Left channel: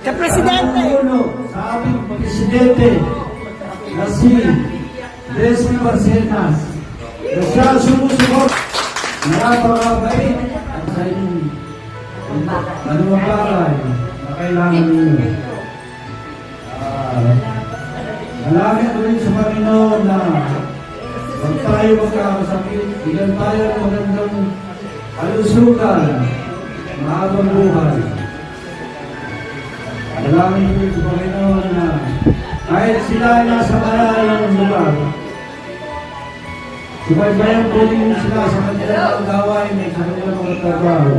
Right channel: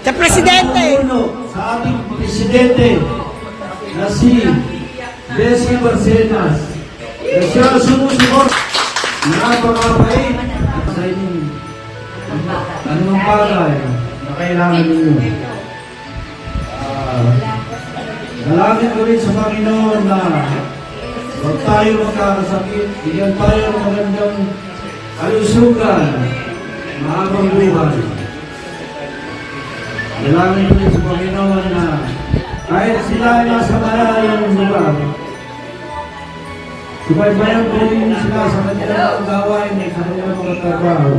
Sa Presidente. Sa ating Presidente na si Leslie Barcenas. Na siya sumusuport. Napakapait at sa inyong anong bagay na kailangan ninyo. Nalangin ko rin sa Panginoon na huwag tayo magkakasakit, bigyan tayo ng magandang kalusugan, mahabang buhay. Nalangin ko rin sa Panginoon na kahit sila nasa malalayang lugar, sumaybayan po ninyo sila sa kanilang gawain at sa kanilang mga trabaho.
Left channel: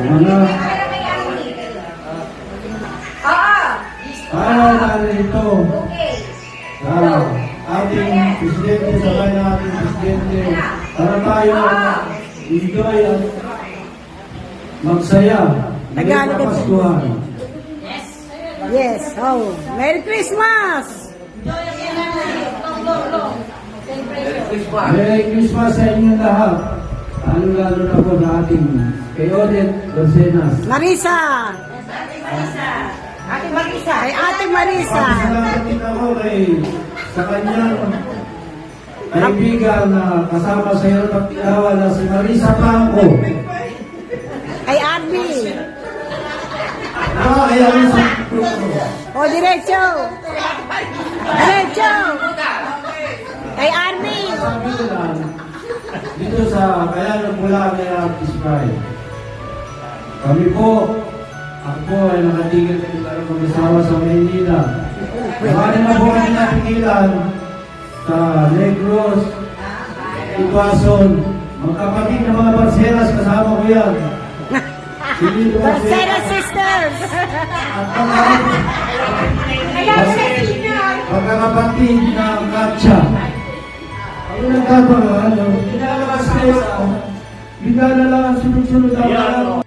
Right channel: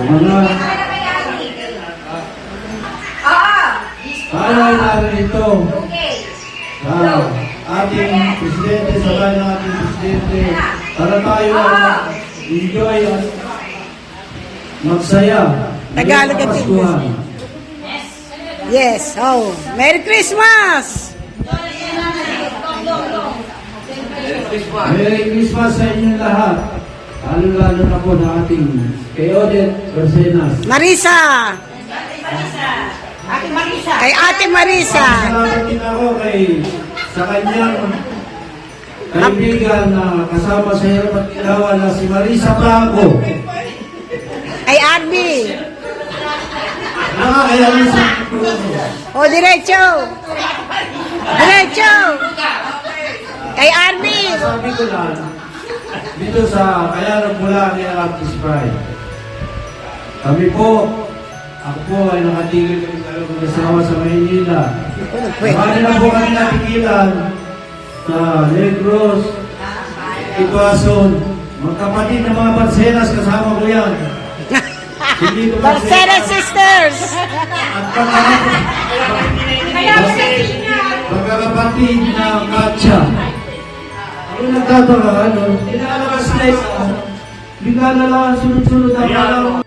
Hello. Para natin ito ating Presidente, sabay na ating Presidente, para tayo enjoy at magsaya. Tagalog at English. Yes. Oh, Merry Christmas! Merry Christmas sa inyong lahat. Lalo-lalo na po na ating kay Odette Barcenas. Marisa! Ate Marisa. Kay Ate Marisa. Salamat din ako sa kanyang kaibigan na kasama sa hirap at ginawa na si Marisa Blanco. Kay Arby. Kaya Marisa. O, diretso. Diretso. Kay Arby. Sabi ko lang, dito sa kaya nagmula ni Artist Pride. Kami po, ako po ay nakatigil kami talagang mag-asawa sa Maynila. Marami na po kami napigilan sa Negros, Ibason, mga kapatid na mga Barcenas, kasama ko yan. Barcenas Sisters. Pagkakapatid na Katsa. Ako nagtataka, pinalabas na ito, bigla na lang, sunod-sunod ang alam.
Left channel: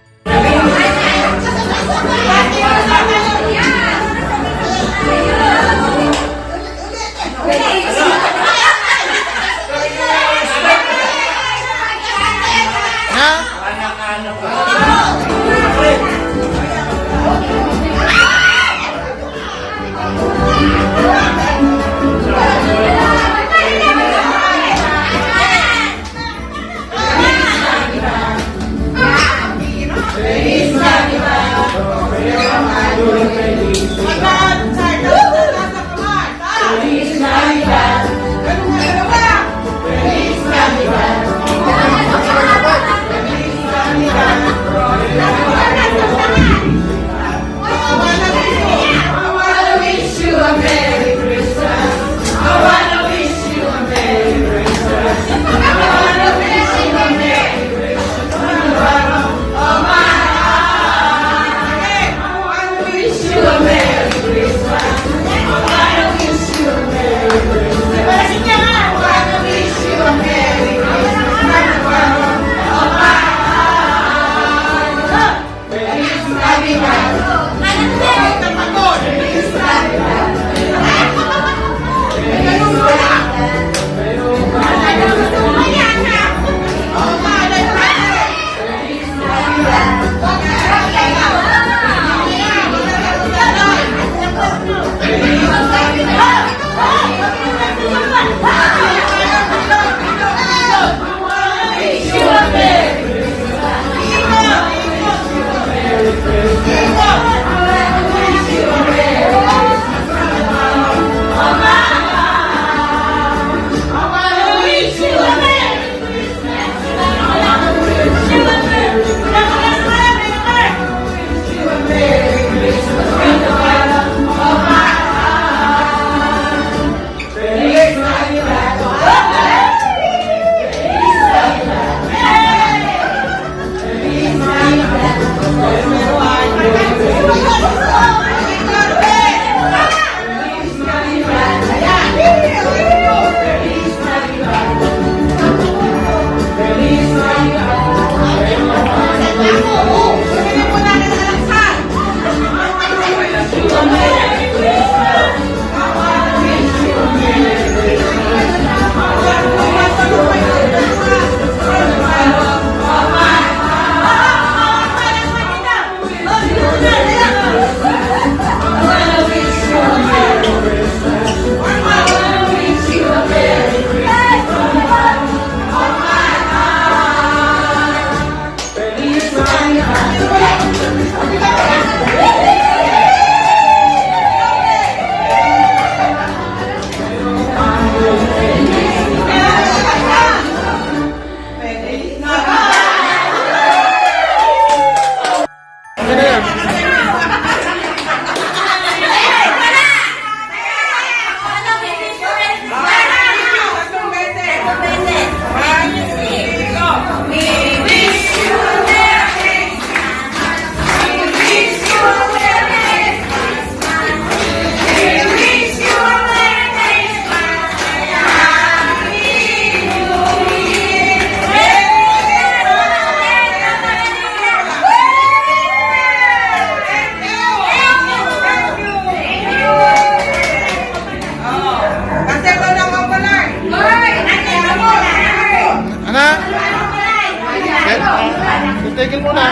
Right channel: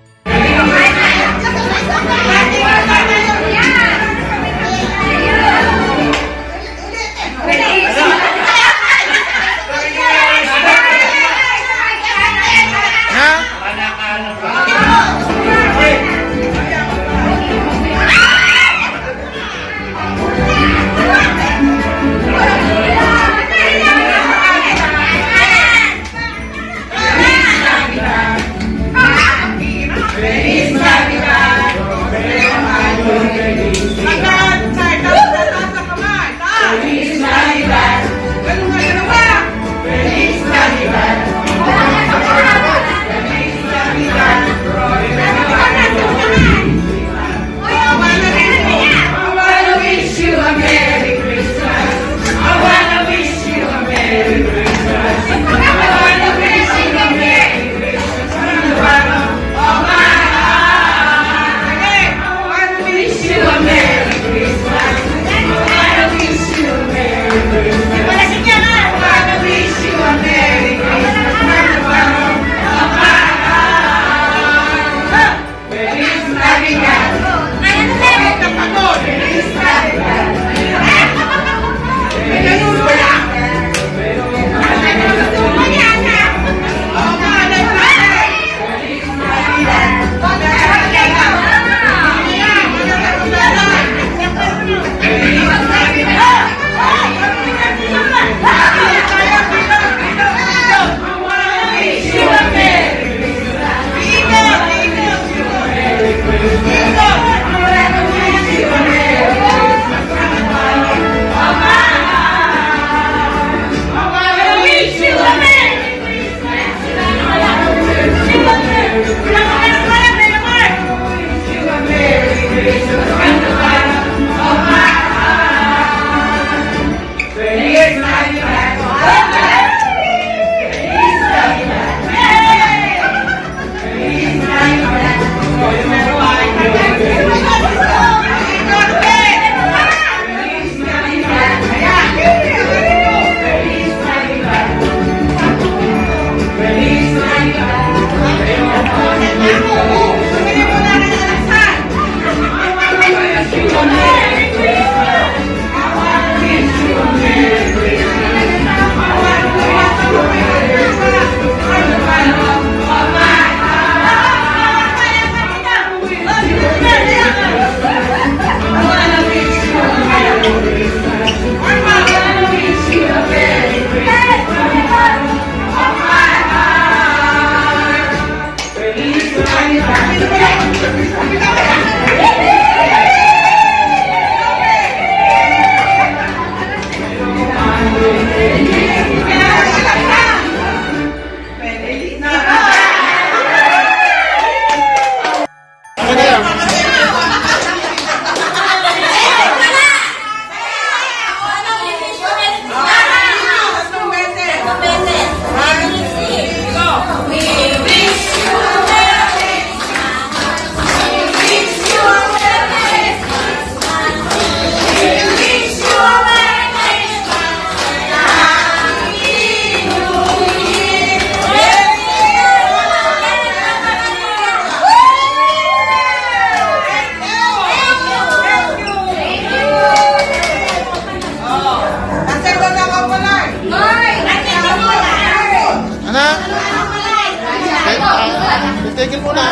Titigil muna.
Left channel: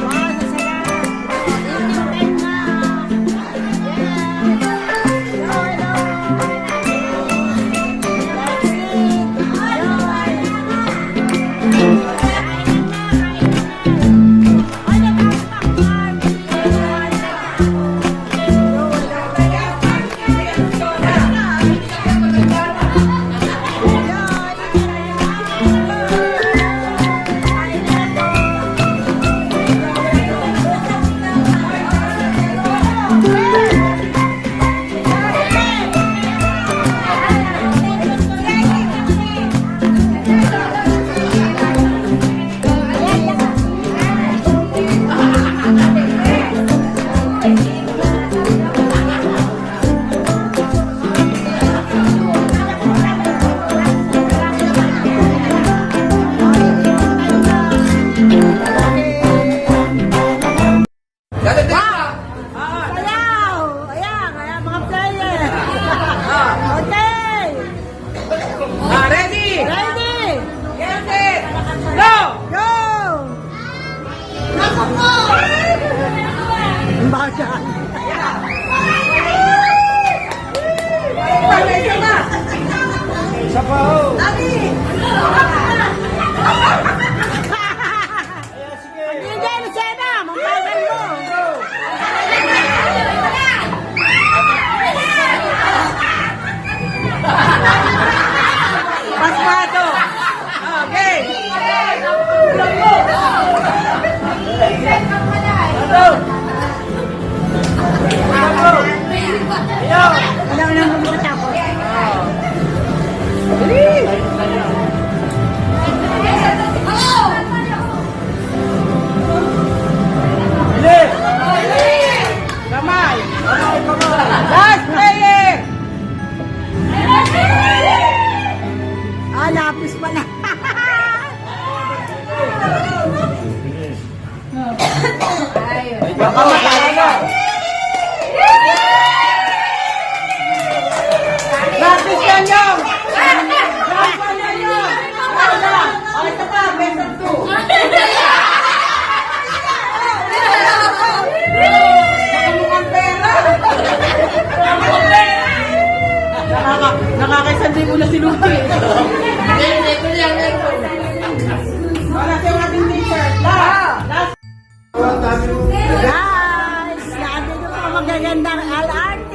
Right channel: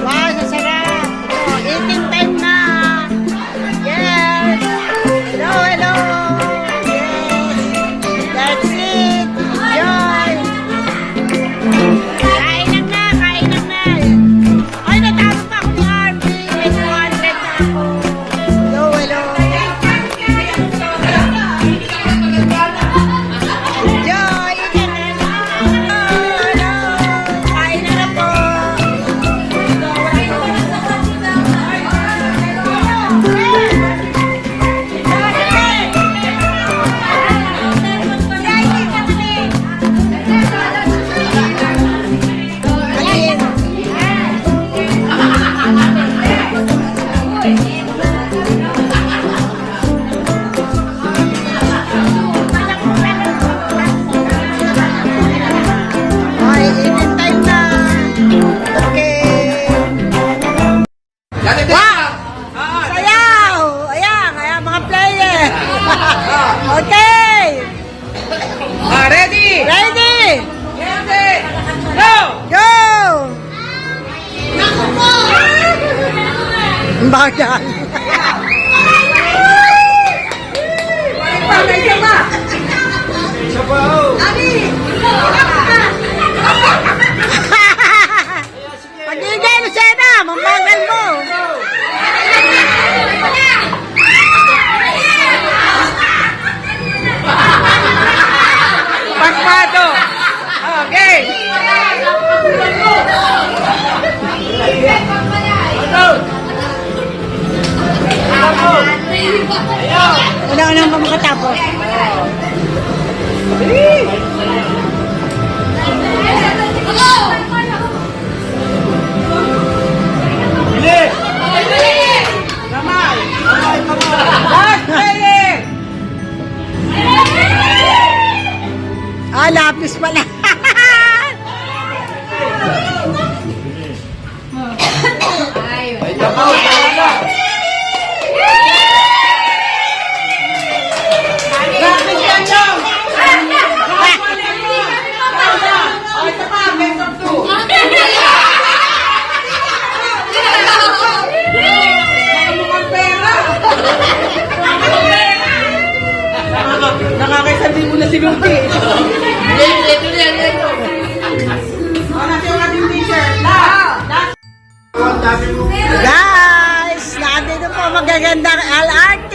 Wow, sasarap. Oh, eating time na. Yes. Hello, hello. That's it. Enjoy. Kainan na, kainan na. Ay, natawag pa ako, Marvin. 200 na ako. Hello, hello. Enjoy. Eating na. Hello, hello. Kainan na po. Ay, eating time na. Okay. Wow! Sayaw! Ayan, ayan mga player. Okay. Ready? Ready? Ready? Go! Go! Ang bagal. Panay ka ba? Pagigay, Lucena! Mambagal mo! Pagpato! Okay! Ano ba makatapos? Kamay! Last player! Ah, lapis pala. Mamatalo na! Lapis yan lang! Lapis yan lang! O, ito pa, best of two! Mukhang pera! Nakakaisang libo na si Lucy. Wala siya yung ating t-shirt. Last! Guys, nandito po magagandang LRT.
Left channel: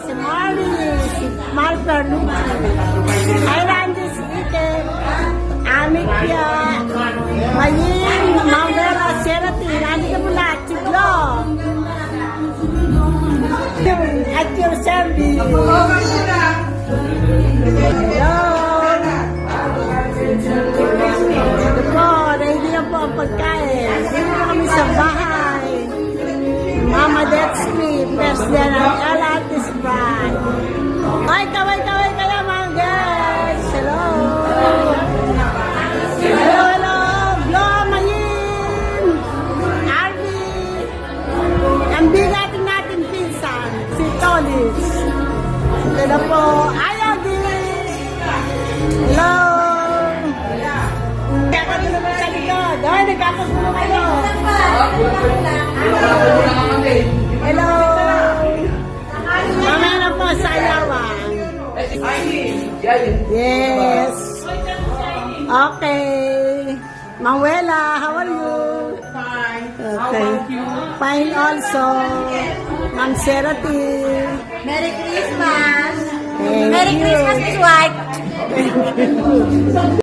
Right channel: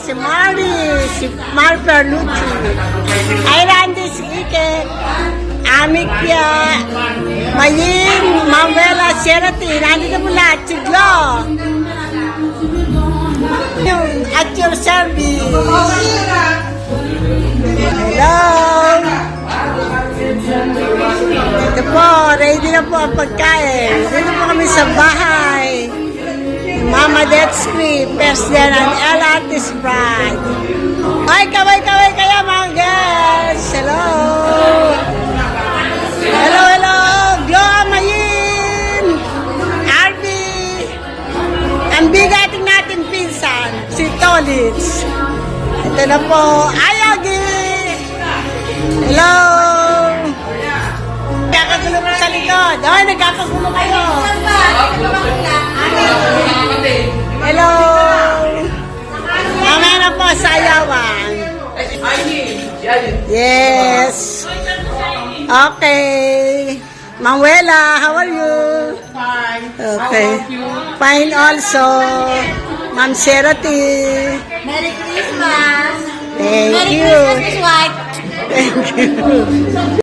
Si Mari, si Mar Perlucci, Irandis Ike, Amikya, Mayin, Mawela, Serati. Nandito po lahat. Siglo. At your service. Hello. Ito po, ready na po ang pagkain. Dito po kami sa bahay. Mama Detsky, President and LRT's Bride. Ay, kaway-kaway kaya mga girls. Hello. Hello, hello. Gloa Mayin. Arby. Ang bigating natin pinsan, si Tolitz. Ito na po, Ayagi. Hello. Nagkakagulo mo sa likod. Ay, nagkakagulo kayo. Hello. Mamaya na po sa ayawan. Yes. Okay. Manuela, how are you? Fine. Okay. Fine also. Ma'am Serati. Merry Christmas! Thank Merry you. Christmas, Miss White! Thank you.